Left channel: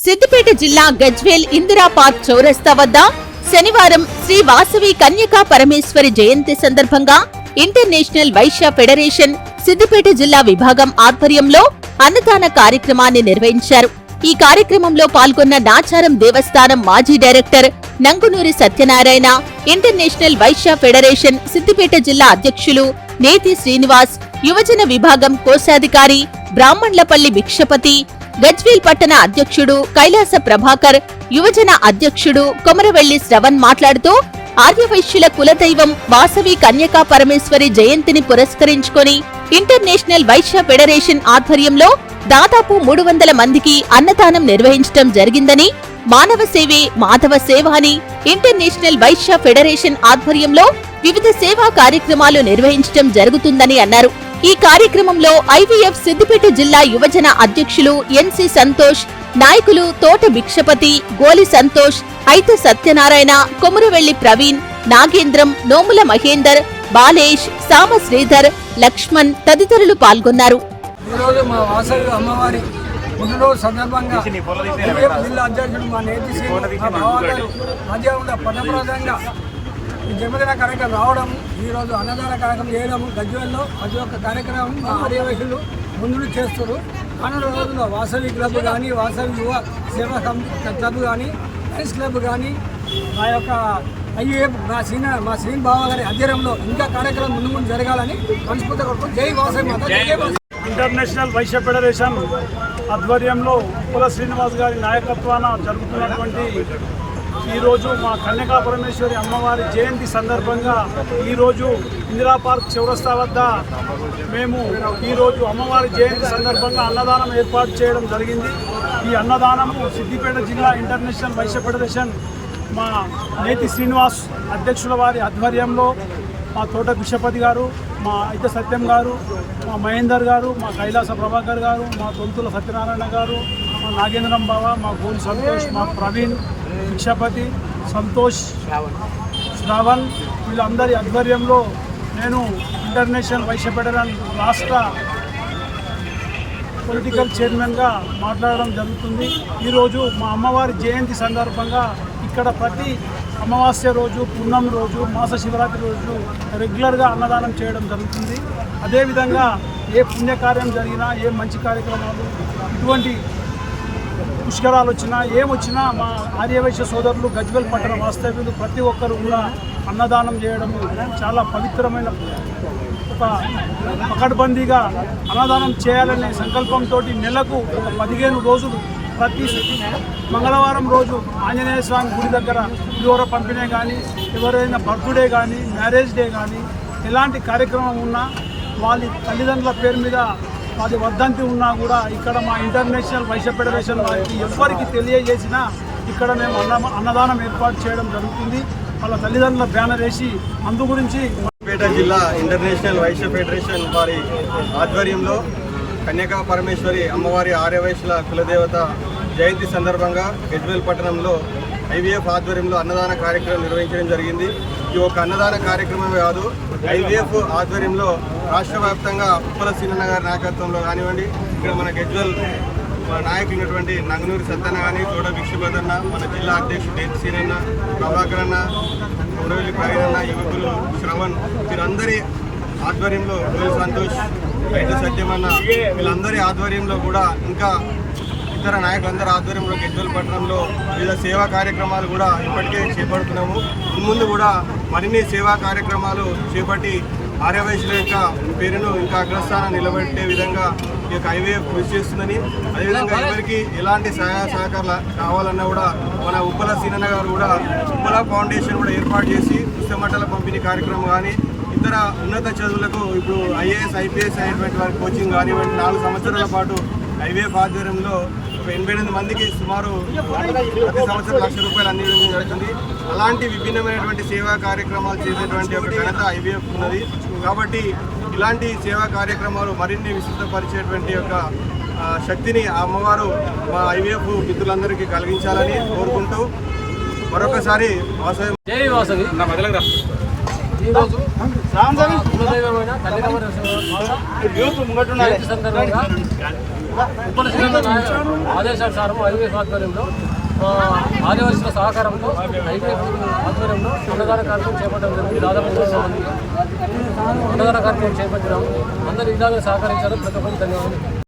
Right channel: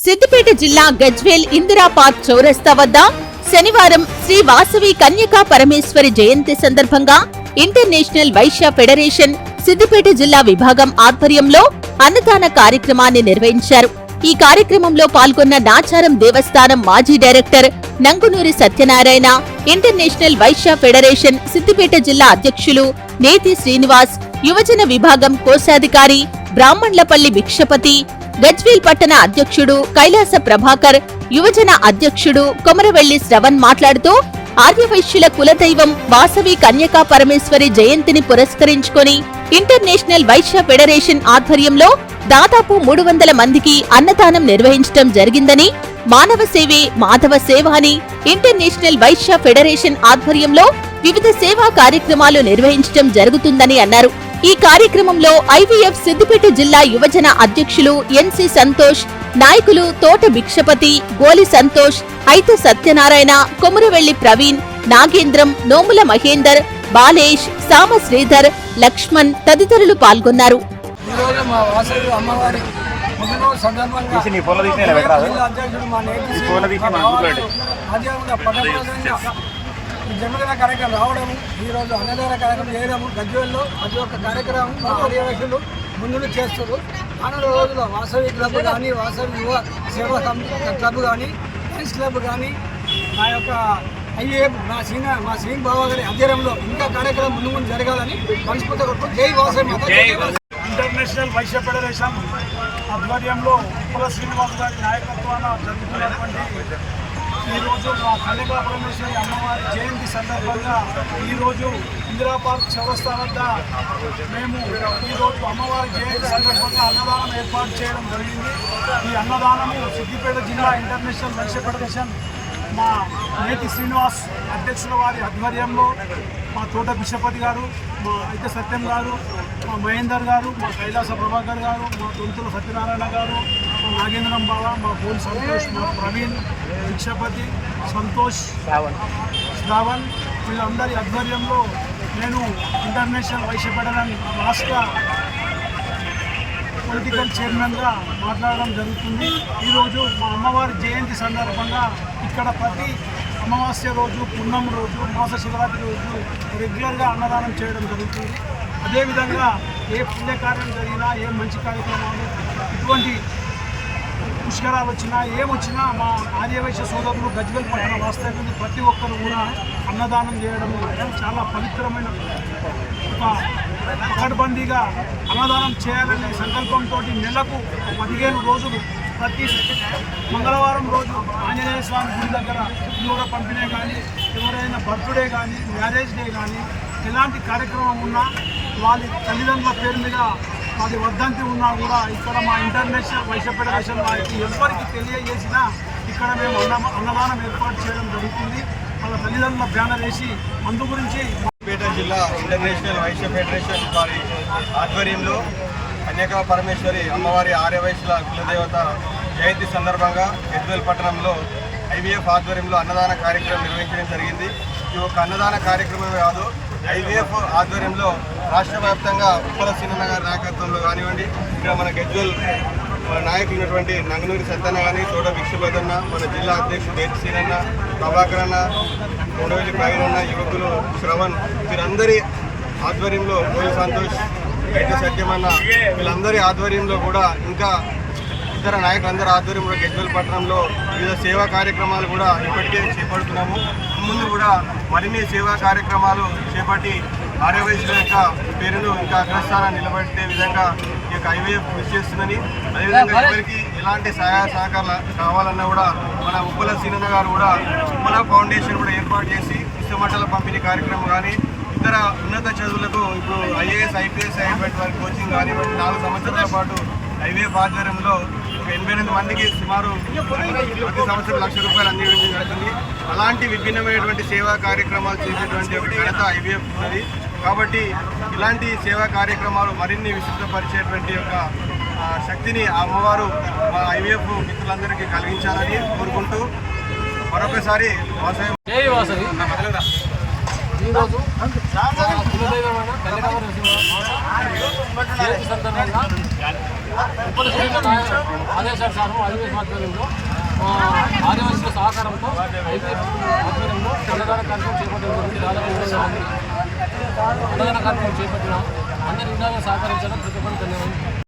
సిద్దిపేట జిల్లా గజ్వేల్ ఇందిరా పార్క్ చౌరస్తా వద్ద శనివారం శ్రీ వాసవి కన్యకా పరమేశ్వరి జయంతి సందర్భంగా ఇంటర్నేషనల్ వైశ్య ఫెడరేషన్ సిద్దిపేట జిల్లా విభాగం ఆధ్వర్యంలో అన్నదాన కార్యక్రమాన్ని నిర్వహించారు. ఈ కార్యక్రమంలో పాల్గొన్న నాచారం దేవస్థానం మాజీ director Nangunuri Satyanarayana international Vaishya federation Siddipet జిల్లా అధ్యక్షులు నేతి శ్రీనివాస్ యువజన విభాగం కోశాధికారి బ్రాహ్మణ్లపల్లి భిక్షపతి గజ్వేల్ పట్టణ అధ్యక్షుడు కైలాస ప్రభాకర్ యువజన అధ్యక్షుడు కొమరవెల్లి శ్రవణ్ మాట్లాడుతూ ఆర్యవైశ్యుల కులదైవం వాసవి కన్యకా పరమేశ్వరి జయంతిని పురస్కరించుకొని ఇంటర్నేషనల్ వైశ్య ఫెడరేషన్ ఆధ్వర్యంలో దాదాపు మూడు వందల మందికి అన్నదానం నిర్వహించడం జరిగిందని మానవ సేవే మాధవ సేవ అని ఇంటర్నేషనల్ వైశ్య ఫెడరేషన్ ఆధ్వర్యంలో వివిధ సేవా కార్యక్రమాలు నిర్వహించడం జరుగుతుందని అన్నారు. ఈ కార్యక్రమంలో ఐవీఎఫ్ సిద్దిపేట జిల్లా యువజన అధ్యక్షులు ఎన్సి సంతోష్ నాయకులు తోట భిక్షపతి గోలి సంతోష్ ఐత సత్యనారాయణ కొమురవెల్లి ప్రవీణ్ నాగేంద్రం నోముల మహేందర్ బాలేష్ సామ శ్రీధర్ లక్ష్మణ్ తదితరులు పాల్గొన్నారు. సందర్భంగా జిల్లా అధ్యక్షుడు మా నేతి శ్రీ ఆధ్యాత్మిక పదప్రదంగా ఈ జన్మదిన కార్యక్రమం రావడము ఈరోజు అన్నదాన కార్యక్రమం చేయడము గజ్వేల్లో ప్రతి ఒక్క కార్యక్రమం మా ముందు చేస్తారు రానున్న రోజుల్లో వాసవి క్లబ్ కానీ వాసవి యువ సేవా క్లబ్ కానీ లయన్స్ క్లబ్ కానీ మా యొక్క ఐఏఎఫ్ మా సీన మా శ్రీన్ బావ గారి అధ్యయనంలో ఇంకా కార్యక్రమం ముందు ముందు జరగాలని మనస్ఫూర్తిగా కొడుకు జై వాసవి మాత ఇంటర్నేషనల్ వైశ్య ఫెడరేషన్ ఆధ్వర్యంలో కుల శ్రీనివాస్ గారి నాయకత్వాన జరుగుతున్నటువంటి ఈరోజు మా కన్యకా పరమేశ్వరి అమ్మవారి జయంతి సందర్భంగా ఈరోజు ఇందిరా పార్క్ చౌరస్తా వద్ద మేము ఈరోజు అమ్మవారి జయంతి సందర్భంగా అన్నదానం ఏర్పాటు చేయడం జరిగింది. ఈ అన్నదానము సిద్దిపేట జిల్లా ఇంటర్నేషనల్ వైశ్య ఫెడరేషన్ మా నేతి శ్రీనివాస్ అధ్యక్షుల వారి ఆధ్వర్యంలో మా తోట బిషపతి గారు మా ఐత సత్యం గారు మా మహేందర్ గారు మా కైలాస ప్రభాకర్ గారు మా తొంతుల సత్యనారాయణ గారు మా నాగేంద్రం బావ మా గోల్ సంతోష్ మా ప్రవీణ్ భిక్షపతి సంతోష్ శ్రావణ్. వీళ్ళందరి ఆధ్వర్యంలో నేను ఇంటర్నేషనల్ వైశ్య ఫెడరల్ రాష్ట్ర పొలిటికల్ చైర్మన్గా మాట్లాడడం జరుగుతుంది. ఈరోజు మా అమ్మవారి జయంతి సందర్భంగా ఇక్కడ ప్రతి అమావాస్య రోజు పున్నం రోజు మాస శివరాత్రి రోజు రెగ్యులర్గా అన్నదానం చేయడం జరుగుతుంది. అదేవిధంగా ఏ పుణ్యకార్యం జరిగినా ఏ మంచి కార్యక్రమాలు ఇటువంటి పుష్కరాలు వచ్చినా ఏమొచ్చినా మా ఆర్యవైశ్య సోదరులు గజ్వెల్ పట్టణ వాస్తవ్యులు ప్రతి ఒక్కరు కూడా అన్నదానం చేయడము చాలా పవిత్రమైన ఒక పకడ్బందీగా అన్నదానం చేయాలనే సంకల్పంతో నెలకు ఒక పదిహేను రోజులు ప్రతి మంగళవారం రోజు ఆంజనేయ స్వామి గుడి దగ్గర పులిహోర పంపిణీ కానీ ఎవరైనా బర్త్డే కానీ మ్యారేజ్ డే కానీ ఎలాంటి కార్యక్రమం ఉన్నా వాళ్ళ తల్లిదండ్రుల పేరు మీద మాది వద్దంతి ఉన్నా కూడా ఇక్కడ మా ఇంటర్నేషనల్ వైశ్య ఫెడరేషన్ వారికి ఎవరికి తెలియజేసినా ఇక్కడ మేము అన్న అన్నదానం ఏర్పాటు చేయడం జరుగుతుంది. వాళ్ళ తల్లిదండ్రుల బ్యానర్ వేసి అందు గురించి పేట జిల్లా ఇంటర్నేషనల్ వైశ్య ఫెడరేషన్ వారి ఆధ్వర్యంలో కన్యకా పరమేశ్వరి అమ్మవారి ఆర్యవైశ్యుల కులదేవత జయంతి సందర్భంగా ఎద్వేల్ పట్టణంలో ఐవీఎఫ్ ఆధ్వర్యంలో అన్నదాన కార్యక్రమం నిర్వహించడం జరిగింది. ఇది ఒక అన్నదాన కార్యక్రమం కాదు ఐవీఎఫ్ ఆధ్వర్యంలో రాష్ట్ర వ్యాప్తంగా ఉప్పల సీనన్న గారి నాయకత్వంలో కానివ్వండి ఇక్కడ మన గజ్వేల్ నాయకులు ఉన్నటువంటి నంగనూరి సత్యన్న కానీ చోట భిక్షపతన్న మన జిల్లా అధ్యక్షుడు కేతి సీనన్న ప్రభాకర్ అన్న ఉండవెల్లి ప్రవీణ్ అన్న యువకులు శ్రవణ్ వీరందరి ఆధ్వర్యంలో గోలి సంతోష్ అయితే సత్యమన్న వీళ్ళందరి ఆధ్వర్యంలో కూడా ఇంకా ఇతర నాయకులందరి ఆధ్వర్యంలో గజ్వల్ పట్టణంలో వివిధ సేవా కార్యక్రమాలు కూడా ఇప్పటికే చేపడుతున్నాము. ముందు కూడా మరిన్ని సేవా కార్యక్రమాలు చేపట్టి ఆర్యవైశ్యుల యొక్క పేరును ఇంకా అగ్రస్థానం నిలబెట్టే విధంగా ఈ యొక్క ఐవీఎఫ్ కృషి చేస్తుందని అదేవిధంగా ఎవరికి ఎలాంటి సహాయ సహకారాలు కావాలన్నా కూడా మన ఉప్పల సీనన్న గారు కూడా ఉప్పల ఫౌండేషన్ కూడా ఏర్పాటు చేసి పుస్తమట్టల పంపిణీ కార్యక్రమం కానీ ఇతర ఉన్నత చదువులకు ఇప్పుడు ఐఏఎస్ ఐపీఎస్ అయ్యేటువంటి వారి కోచింగ్ కానివ్వండి నాలుగు సంవత్సరాల పాటు ఐవీఎఫ్ ఆధ్వర్యంలో ఒక ఎనభై ఎనిమిది మందికి సుమారు ప్రతి సంవత్సరం లక్ష రూపాయలు అందించడం జరుగుతుంది. అలాంటి విభిన్నమైనటువంటి సేవా కార్యక్రమాలు చేసేటువంటి ఒక ఘనత ఐవీఎఫ్ ఉన్నది. కాబట్టి ఇలాంటి సేవా కార్యక్రమాలు మరిన్ని విస్తృతపరిచేటువంటి యొక్క శక్తిని ఆ అమ్మవారు మా ఐవీఎఫ్ మిత్రులందరికీ కలిగించాలని కోరుకుంటూ మరొకసారి వాసవి ఈరోజు కులదైవమైన కన్యకామర జయంతి సందర్భంగా ఉప్పల శ్రీరంగ నాయ- ఆదేశానుసారం ఐవీఎఫ్ ఆధ్వర్యంలో ఆదివాసీల సహకారంతో ఐవీఎఫ్ ఆధ్వర్యంలో అన్నదాన కార్యక్రమం చేపట్టడం జరిగింది. దాదాపు మూడు వందల మంది అన్నదాన కార్యక్రమం చేపట్టినాము. అందరు ఇలాగే సహకరించారు. ప్రతి ఒక్కరికి ధన్యవాదాలు.